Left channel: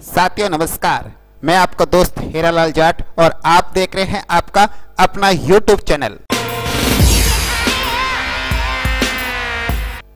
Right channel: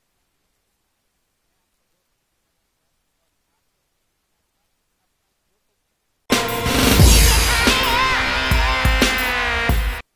साथियों नमस्कार, मैं आपका दोस्त हीरालाल जाट और आप देख रहे हैं आपका अपना YouTube चैनल।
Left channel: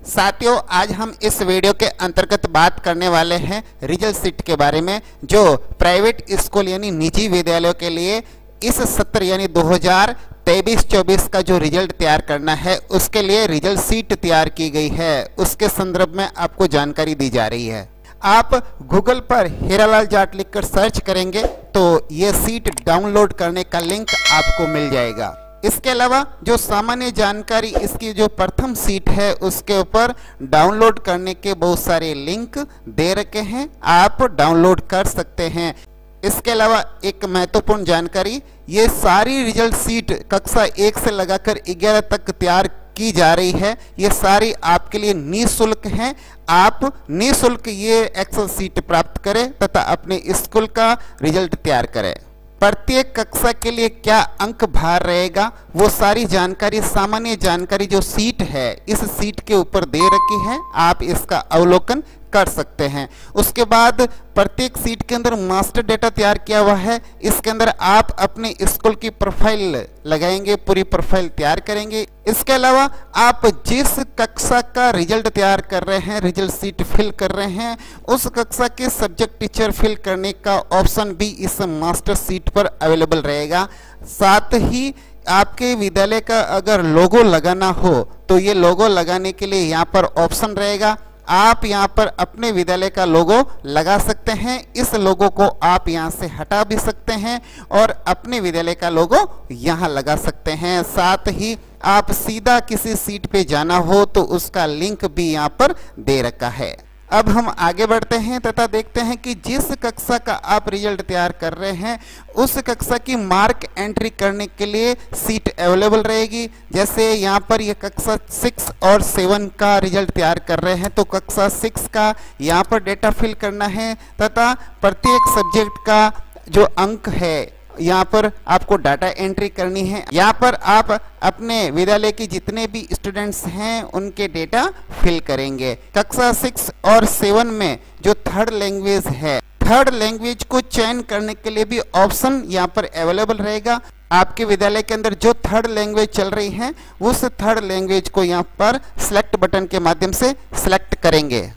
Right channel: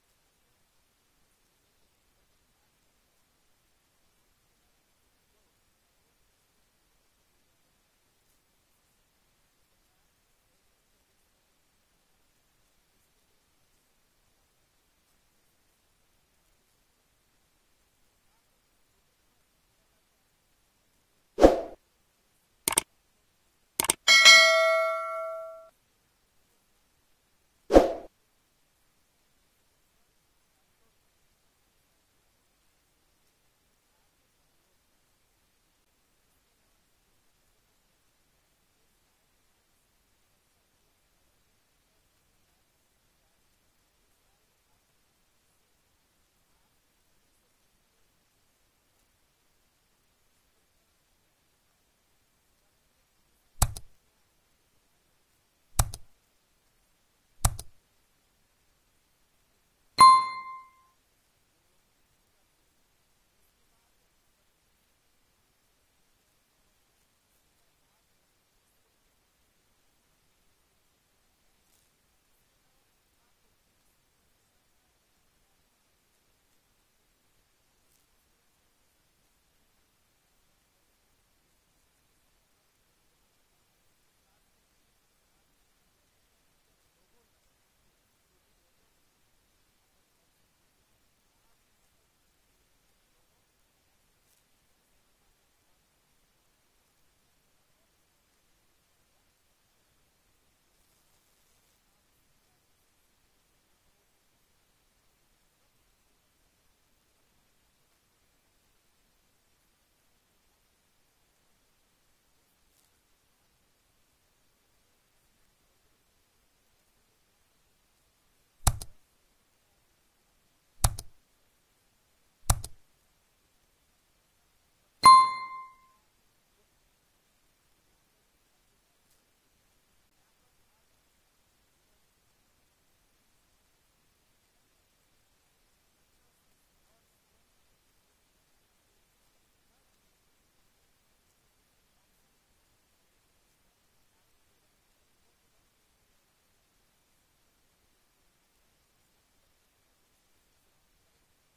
साथियों, आज हम इस वीडियो के अंतर्गत बात करने वाले हैं रिजल्ट शीट के बारे में, जो प्राइवेट स्कूल यानी निजी विद्यालयों के लिए इस सत्र यानी 2023-24 का जो रिजल्ट तैयार करना है उसके लिए रिजल्ट शीट तैयार की गई है। उसके संदर्भ में आपको जानकारी दी जा रही है। आप गूगल पर हीरालाल जाट लिखकर सर्च करेंगे तो ये सीट डाउनलोड करने का लिंक आपको मिल जाएगा। इसके अलावा जो सामान्य जानकारी, इसकी जो प्रथम सीट है उसके ऊपर डाउनलोड करने के बहुत सारे लिंक दे रखे हैं, आप डाउनलोड कर सकते हैं। इसके अलावा एक महत्वपूर्ण जानकारी, ये सारी रिजल्ट सीट कक्षा 1 से लगाकर 11 तक तैयार की जा रही है। ये सारी आपके लिए निःशुल्क हैं। आप निःशुल्क ये एक्सेल सीट प्राप्त करें तथा अपने स्कूल का रिजल्ट तैयार करें। प्रत्येक कक्षा के लिए क्या अंक भार रहेगा, वो सारी जानकारी, सामान्य जानकारी जो सीट है इस सीट के ऊपर दे रखी है, आप इसका अवलोकन कर सकते हैं। उसके बाद प्रत्येक सीट के अंदर मास्टर डेटा तैयार किया हुआ है। इसके अंदर आप अपने स्कूल की प्रोफाइल लगाएंगे, पूरी प्रोफाइल तैयार करेंगे। इसके अलावा आप जिस कक्षा का रिजल्ट तैयार कर रहे हैं, रिजल्ट सीट फिल कर रहे हैं, उस कक्षा के सब्जेक्ट टीचर फिल करने का ऑप्शन भी इस मास्टर सीट पर अवेलेबल रहेगा। साथ ही आपके विद्यालय का अगर लोगो लगाना हो तो ये लोगो लगाने के लिए यहाँ पर ऑप्शन रहेगा। आप यहाँ पर अपने विद्यालय का लोगो लगा सकते हैं। इस लोगो को आप यहाँ से हटा भी सकते हैं और अपने विद्यालय का लोगो यहाँ लगा सकते हैं। साथ ही आप सीधा किसी सीट पे जाना हो तो उसका लिंक भी यहाँ पर दे रखा है। अब हम आगे बढ़ते हैं तथा देखते हैं कि जिस कक्षा का आप रिजल्ट तैयार कर रहे हैं उस कक्षा की मार्क एंट्री करने के लिए सीट अवेलेबल रहेगी। जैसे यहाँ पर ये कक्षा 6 और 7 का रिजल्ट तैयार कर रहे हैं तो कक्षा 6 का यहाँ पर डेटा फिल करना है तथा प्रत्येक सब्जेक्ट का जो अंक है यहाँ पर आपको डाटा एंट्री करनी है। यहाँ पर आप अपने विद्यालय की जितने भी स्टूडेंट्स हैं उनके डेटा फिल करेंगे। कक्षा 6 और 7 में जो थर्ड लैंग्वेज है, थर्ड लैंग्वेज को चयन करने के लिए भी ऑप्शन यहाँ पर अवेलेबल रहेगा। आपके विद्यालय के अंदर जो थर्ड लैंग्वेज चल रही है उस थर्ड लैंग्वेज को यहाँ पर सिलेक्ट बटन के माध्यम से सिलेक्ट करेंगे।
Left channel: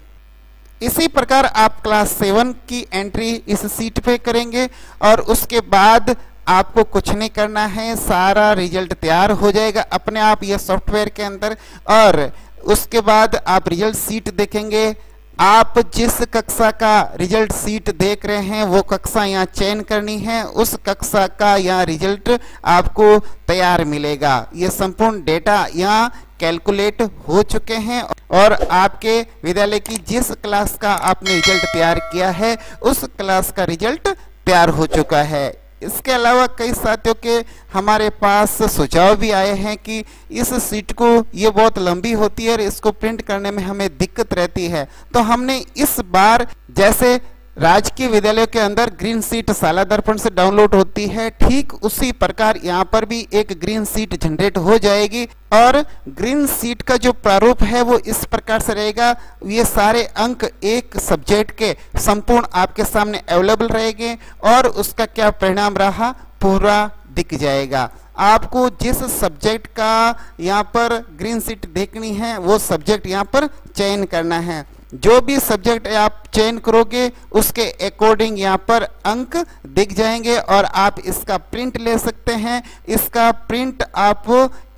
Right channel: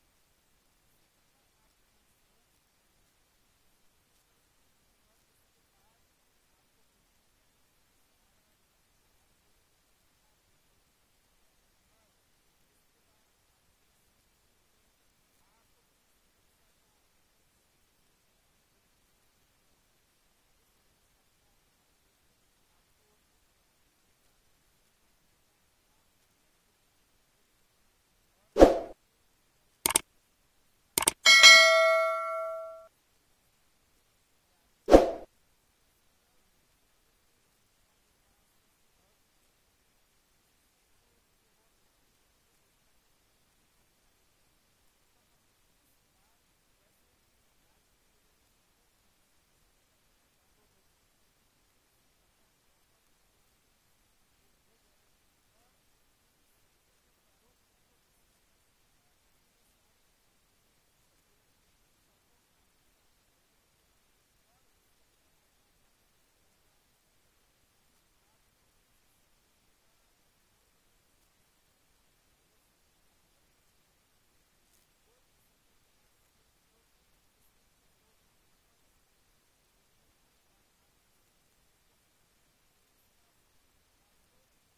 इसी प्रकार आप क्लास 7 की एंट्री इस सीट पे करेंगे और उसके बाद आपको कुछ नहीं करना है, सारा रिजल्ट तैयार हो जाएगा अपने आप ये सॉफ्टवेयर के अंदर। और उसके बाद आप रिजल्ट सीट देखेंगे। आप जिस कक्षा का रिजल्ट सीट देख रहे हैं वो कक्षा यहाँ चयन करनी है, उस कक्षा का यहाँ रिजल्ट आपको तैयार मिलेगा। ये संपूर्ण डेटा यहाँ कैलकुलेट हो चुके हैं और आपके विद्यालय की जिस क्लास का आपने रिजल्ट तैयार किया है उस क्लास का रिजल्ट तैयार हो चुका है। इसके अलावा कई साथियों के हमारे पास सुझाव भी आए हैं कि इस सीट को ये बहुत लंबी होती है और इसको प्रिंट करने में हमें दिक्कत रहती है, तो हमने इस बार जैसे राजकीय विद्यालयों के अंदर ग्रीन सीट शाला दर्पण से डाउनलोड होती है, ठीक उसी प्रकार यहाँ पर भी एक ग्रीन सीट जनरेट हो जाएगी। और ग्रीन सीट का जो प्रारूप है वो इस प्रकार से रहेगा। ये सारे अंक एक सब्जेक्ट के संपूर्ण आपके सामने अवेलेबल रहेंगे और उसका क्या परिणाम रहा पूरा दिख जाएगा। आपको जिस सब्जेक्ट का यहाँ पर ग्रीन सीट देखनी है वो सब्जेक्ट यहाँ पर चयन करना है। जो भी सब्जेक्ट आप चयन करोगे उसके अकॉर्डिंग यहाँ पर अंक दिख जाएंगे और आप इसका प्रिंट ले सकते हैं। इसका प्रिंट आप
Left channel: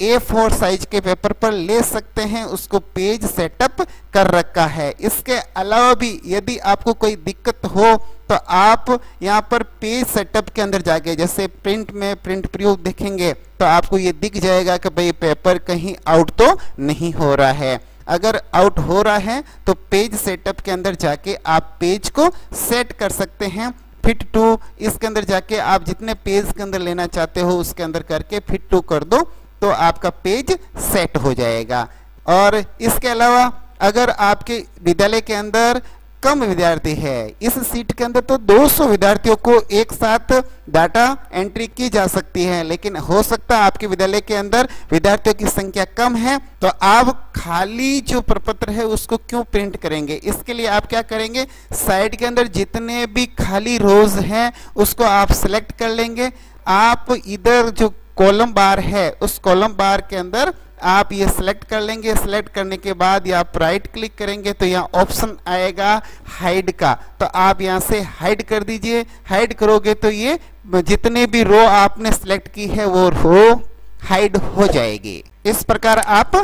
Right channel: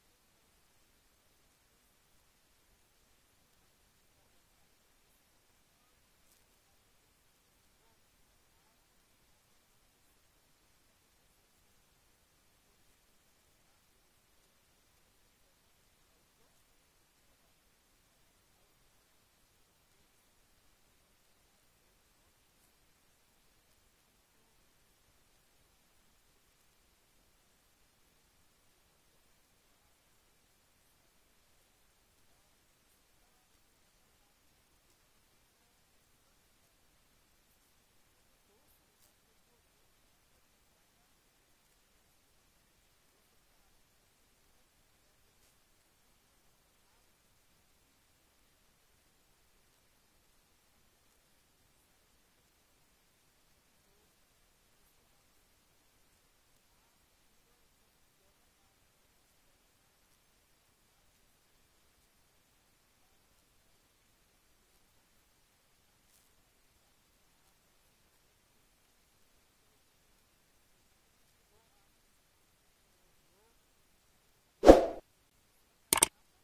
A4 साइज के पेपर पर ले सकते हैं, उसको पेज सेटअप कर रखा है। इसके अलावा भी यदि आपको कोई दिक्कत हो तो आप यहाँ पर पेज सेटअप के अंदर जाके जैसे प्रिंट में प्रिंट प्रयोग देखेंगे तो आपको ये दिख जाएगा कि भाई पेपर कहीं आउट तो नहीं हो रहा है। अगर आउट हो रहा है तो पेज सेटअप के अंदर जाके आप पेज को सेट कर सकते हैं। फिट टू इसके अंदर जाके आप जितने पेज के अंदर लेना चाहते हो उसके अंदर करके फिट टू कर दो तो आपका पेज सेट हो जाएगा। और इसके अलावा अगर आपके विद्यालय के अंदर कम विद्यार्थी है। इस सीट के अंदर तो 200 विद्यार्थियों को एक साथ डाटा एंट्री की जा सकती है, लेकिन हो सकता है आपके विद्यालय के अंदर विद्यार्थियों की संख्या कम है, तो आप खाली जो प्रपत्र है उसको क्यों प्रिंट करेंगे। इसके लिए आप क्या करेंगे, साइड के अंदर जितने भी खाली रोज हैं उसको आप सिलेक्ट कर लेंगे। आप इधर जो कॉलम बार है उस कॉलम बार के अंदर आप ये सिलेक्ट कर लेंगे। सिलेक्ट करने के बाद या आप राइट क्लिक करेंगे तो यहाँ ऑप्शन आएगा हाइड का, तो आप यहाँ से हाइड कर दीजिए। हाइड करोगे तो ये जितने भी रो आपने सिलेक्ट की है वो रो हाइड हो जाएगी। इस प्रकार आप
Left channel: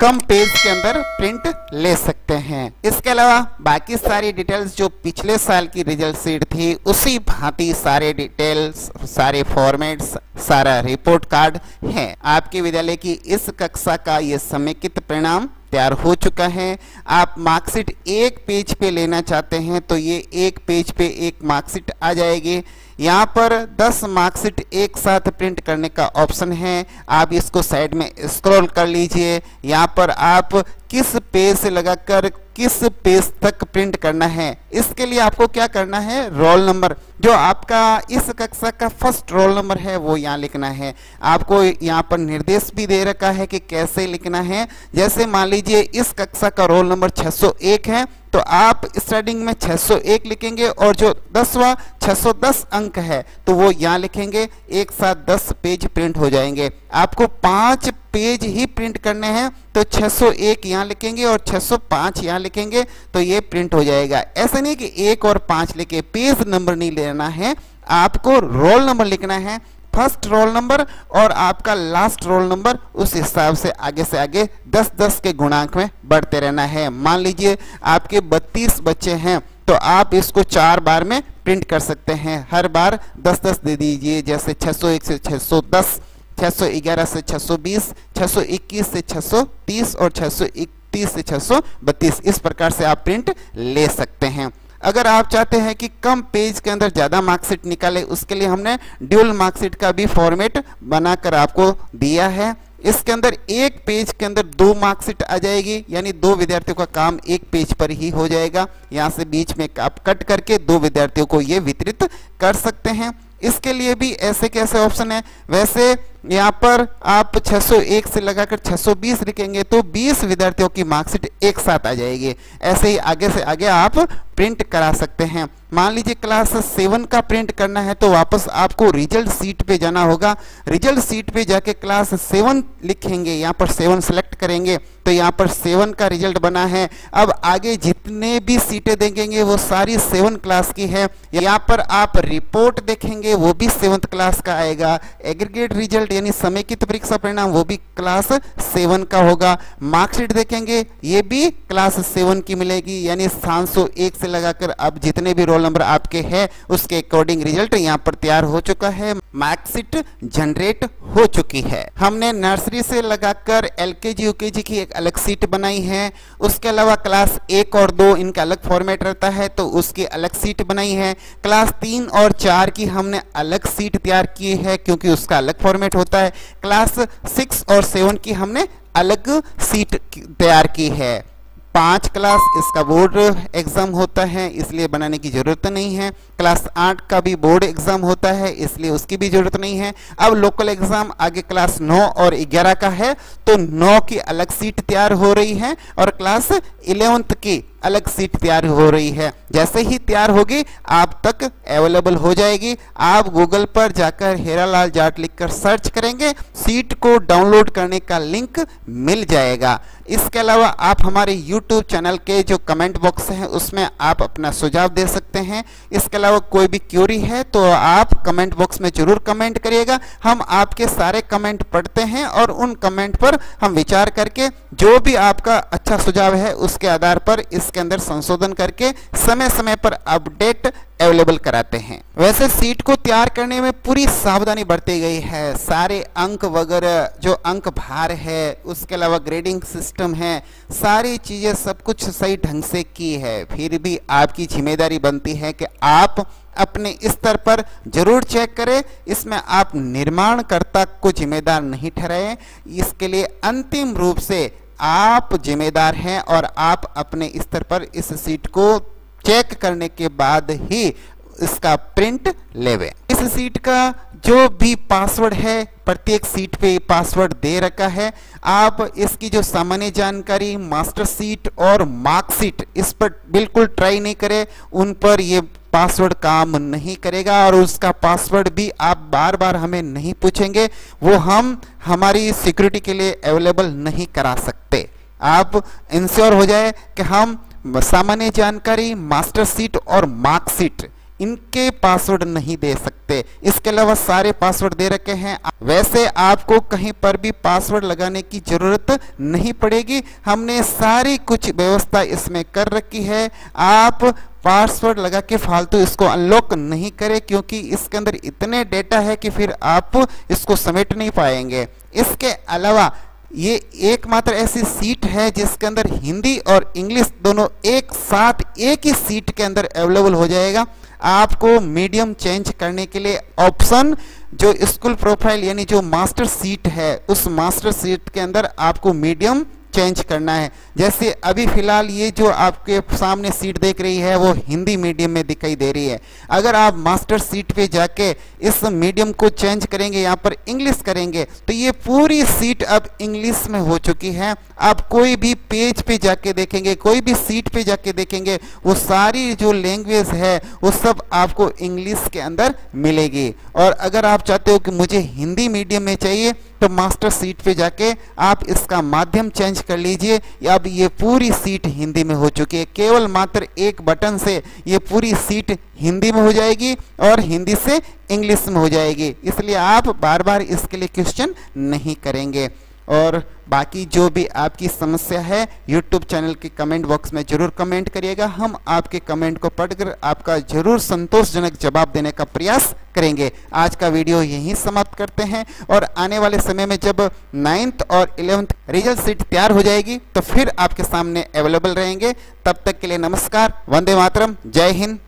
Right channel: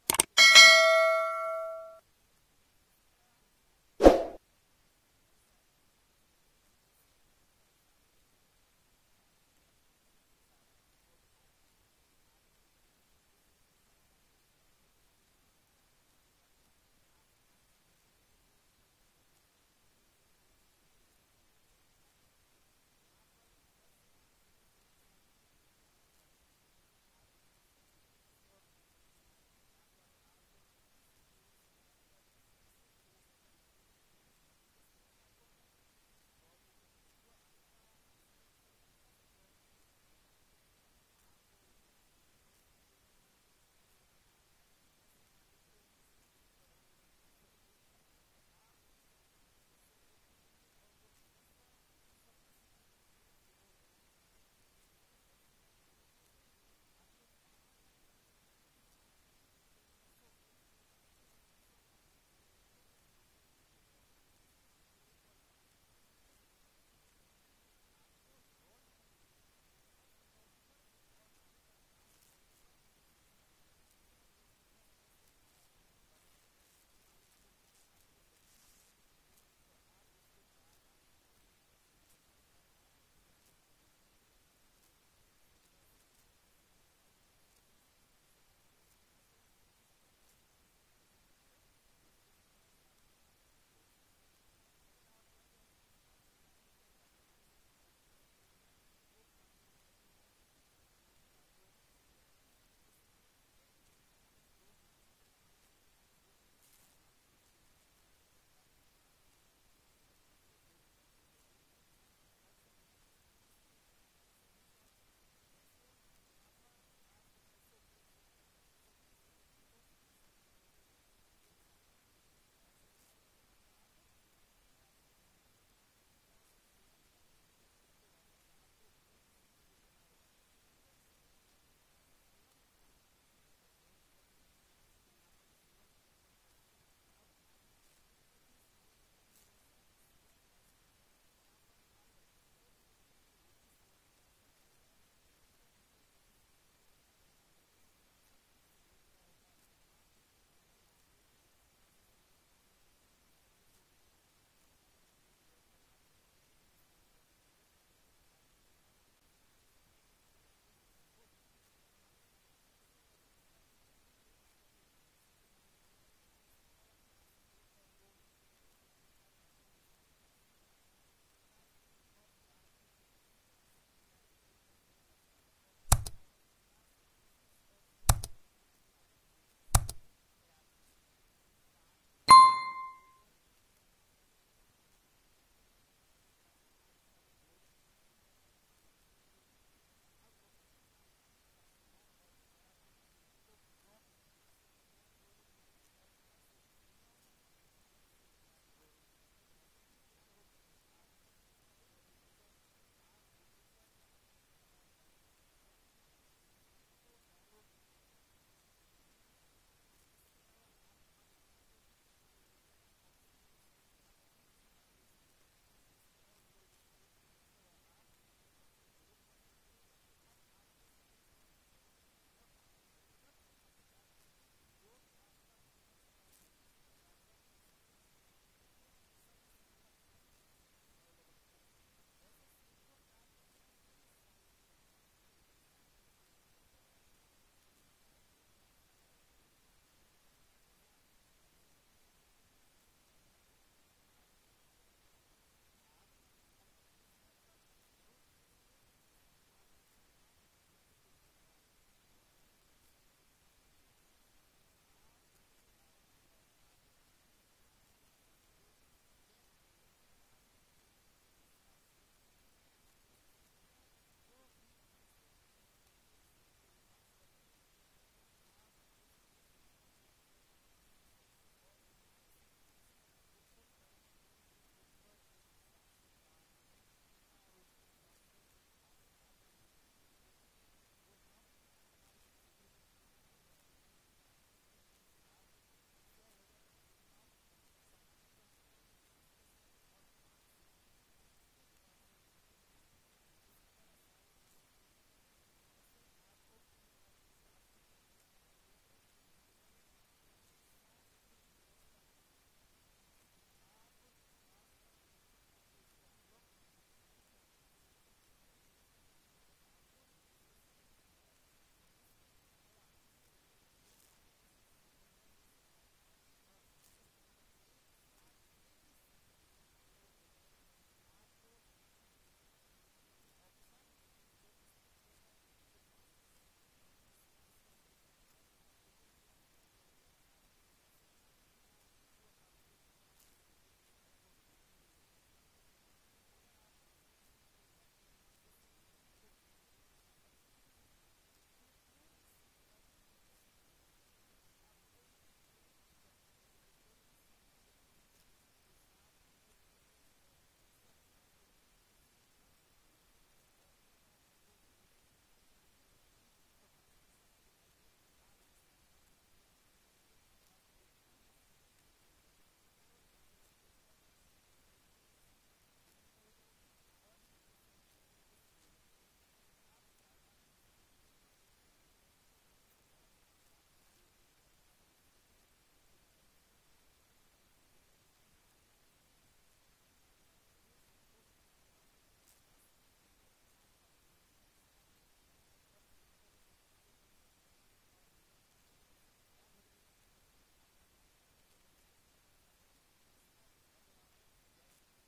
कम पेज के अंदर प्रिंट ले सकते हैं। इसके अलावा बाकी सारी डिटेल्स जो पिछले साल की रिजल्ट शीट थी उसी भांति सारे डिटेल्स, सारे फॉर्मेट्स, सारा रिपोर्ट कार्ड है। आपके विद्यालय की इस कक्षा का ये समेकित परिणाम तैयार हो चुका है। आप मार्कशीट एक पेज पे लेना चाहते हैं तो ये एक पेज पे एक मार्कशीट आ जाएगी। यहाँ पर 10 मार्कशीट एक साथ प्रिंट करने का ऑप्शन है। आप इसको साइड में स्क्रॉल कर लीजिए। यहाँ पर आप किस पेज से लगाकर किस पेज तक प्रिंट करना है, इसके लिए आपको क्या करना है, रोल नंबर जो आपका इस कक्षा का फर्स्ट रोल नंबर है वो यहाँ लिखना है। आपको यहाँ पर निर्देश भी दे रखा है कि कैसे लिखना है। जैसे मान लीजिए इस कक्षा का रोल नंबर 601 है तो आप स्टार्टिंग में 601 लिखेंगे और जो 10वां 610 अंक है तो वो यहाँ लिखेंगे। एक साथ 10 पेज प्रिंट हो जाएंगे। आपको 5 पेज ही प्रिंट करने हैं तो 601 यहाँ लिखेंगे और 605 यहाँ लिखेंगे तो ये प्रिंट हो जाएगा। ऐसा नहीं कि 1 और 5 लिखे, पेज नंबर नहीं लेना है, आपको रोल नंबर लिखना है। फर्स्ट रोल नंबर और आपका लास्ट रोल नंबर उस हिसाब से आगे 10-10 के गुणांक में बढ़ते रहना है। मान लीजिए आपके 32 बच्चे हैं तो आप इसको 4 बार में प्रिंट कर सकते हैं। हर बार 10-10 दे दीजिए, जैसे 601 से 610, 611 से 620, 621 से 630 और 631 से 632। इस प्रकार से आप प्रिंट ले सकते हैं। अगर आप चाहते हैं कि कम पेज के अंदर ज़्यादा मार्कशीट निकाले, उसके लिए हमने ड्यूल मार्कशीट का भी फॉर्मेट बनाकर आपको दिया है। इसके अंदर एक पेज के अंदर 2 मार्कशीट आ जाएगी, यानी 2 विद्यार्थियों का काम एक पेज पर ही हो जाएगा। यहाँ से बीच में आप कट करके 2 विद्यार्थियों को ये वितरित कर सकते हैं। इसके लिए भी ऐसे कैसे ऑप्शन है, वैसे यहाँ पर आप 601 से लगाकर 620 लिखेंगे तो 20 विद्यार्थियों की मार्कशीट एक साथ आ जाएगी। ऐसे ही आगे से आगे आप प्रिंट करा सकते हैं। मान लीजिए क्लास 7 का प्रिंट करना है तो वापस आपको रिजल्ट सीट पे जाना होगा। रिजल्ट सीट पे जाके क्लास 7 लिखेंगे, यहाँ पर 7 सेलेक्ट करेंगे तो यहाँ पर 7 का रिजल्ट बना है। अब आगे जितने भी सीटें देखेंगे वो सारी 7 क्लास की है। यहाँ पर आप रिपोर्ट देखेंगे वो भी 7th क्लास का आएगा। एग्रीगेट रिजल्ट यानी समेकित परीक्षा परिणाम वो भी क्लास 7 का होगा। मार्कशीट देखेंगे ये भी क्लास 7 की मिलेगी, यानी 701 से लगाकर अब जितने भी रोल नंबर आपके हैं उसके अकॉर्डिंग रिजल्ट यहाँ पर तैयार हो चुका है। मार्कशीट जनरेट हो चुकी है। हमने नर्सरी से लगाकर एलकेजी यूकेजी की एक अलग सीट बनाई है। उसके अलावा क्लास 1 और 2 इनका अलग फॉर्मेट रहता है तो उसकी अलग सीट बनाई है। क्लास 3 और 4 की हमने अलग सीट तैयार की है क्योंकि उसका अलग फॉर्मेट होता है। क्लास 6 और 7 की हमने अलग सीट तैयार की है। 5 क्लास इसका बोर्ड एग्जाम होता है इसलिए बनाने की जरूरत नहीं है। क्लास 8 का भी बोर्ड एग्जाम होता है इसलिए उसकी भी जरूरत नहीं है। अब लोकल एग्जाम आगे क्लास 9 और 11 का है तो 9 की अलग सीट तैयार हो रही है और क्लास 11th की अलग सीट तैयार हो रही है। जैसे ही तैयार होगी आप तक अवेलेबल हो जाएगी। आप गूगल पर जाकर हीरालाल जाट लिखकर सर्च करेंगे, सीट को डाउनलोड करने का लिंक मिल जाएगा। इसके अलावा आप हमारे YouTube चैनल के जो कमेंट बॉक्स है उसमें आप अपना सुझाव दे सकते हैं। इसके अलावा कोई भी क्यूरी है तो आप कमेंट बॉक्स में जरूर कमेंट करिएगा। हम आपके सारे कमेंट पढ़ते हैं और उन कमेंट पर हम विचार करके जो भी आपका अच्छा सुझाव है उसके आधार पर इसके अंदर संशोधन करके समय समय पर अपडेट अवेलेबल कराते हैं। वैसे सीट को तैयार करने में पूरी सावधानी बरती गई है। सारे अंक वगैरह जो अंक भार है, उसके अलावा ग्रेडिंग सिस्टम है, सारी चीजें सब कुछ सही ढंग से की है। फिर भी आपकी जिम्मेदारी बनती है कि आप अपने स्तर पर जरूर चेक करें। इसमें आप निर्माणकर्ता को जिम्मेदार नहीं ठहराएं। इसके लिए अंतिम रूप से आप जिम्मेदार हैं और आप अपने स्तर पर इस सीट को चेक करने के बाद ही इसका प्रिंट लेवे। इस सीट का जो भी पासवर्ड है, प्रत्येक सीट पे पासवर्ड दे रखा है। आप इसकी जो सामान्य जानकारी, मास्टर सीट और मार्कशीट, इस पर बिल्कुल ट्राई नहीं करें, उन पर ये पासवर्ड काम नहीं करेगा और उसका पासवर्ड भी आप बार बार हमें नहीं पूछेंगे, वो हम हमारी सिक्योरिटी के लिए अवेलेबल नहीं करा सकते। आप इंश्योर हो जाए कि हम सामान्य जानकारी, मास्टर सीट और मार्कशीट, इनके पासवर्ड नहीं दे सकते। इसके अलावा सारे पासवर्ड दे रखे हैं। वैसे आपको कहीं पर भी पासवर्ड लगाने की जरूरत नहीं पड़ेगी, हमने सारी कुछ व्यवस्था इसमें कर रखी है। आप पासवर्ड लगा के फालतू इसको अनलॉक नहीं करें, क्योंकि इसके अंदर इतने डेटा है कि फिर आप इसको समेट नहीं पाएंगे। इसके अलावा ये एकमात्र ऐसी सीट है जिसके अंदर हिंदी और इंग्लिश दोनों एक साथ एक ही सीट के अंदर अवेलेबल हो जाएगा। आपको मीडियम चेंज करने के लिए ऑप्शन, जो स्कूल प्रोफाइल यानी जो मास्टर सीट है, उस मास्टर सीट के अंदर आपको मीडियम चेंज करना है। जैसे अभी फिलहाल ये जो आपके सामने सीट देख रही है वो हिंदी मीडियम में दिखाई दे रही है। अगर आप मास्टर सीट पे जाके इस मीडियम को चेंज करेंगे, यहाँ पर इंग्लिश करेंगे, तो ये पूरी सीट अब इंग्लिश में हो चुकी है। आप कोई भी पेज पे जाके देखेंगे, कोई भी सीट पे जाके देखेंगे, वो सारी जो लैंग्वेज है वो सब आपको इंग्लिश के अंदर मिलेगी। और अगर आप चाहते हो कि मुझे हिंदी मीडियम में चाहिए, तो मास्टर सीट पे जाके आप इसका माध्यम चेंज कर लीजिए। अब ये पूरी सीट हिंदी में हो चुकी है। केवल मात्र एक बटन से ये पूरी सीट हिंदी में हो जाएगी और हिंदी से इंग्लिश में हो जाएगी, इसलिए आप बार बार इसके लिए क्वेश्चन नहीं करेंगे। और बाकी जो भी आपकी समस्या है YouTube चैनल के कमेंट बॉक्स में जरूर कमेंट करिएगा। हम आपके कमेंट को पढ़कर आपका जरूर संतोषजनक जवाब देने का प्रयास करेंगे। आज का वीडियो यहीं समाप्त करते हैं और आने वाले समय में जब 9th और 11th रिजल्ट शीट तैयार हो जाएगी तो फिर आपके सामने अवेलेबल रहेंगे। तब तक के लिए नमस्कार, वंदे मातरम, जय हिंद।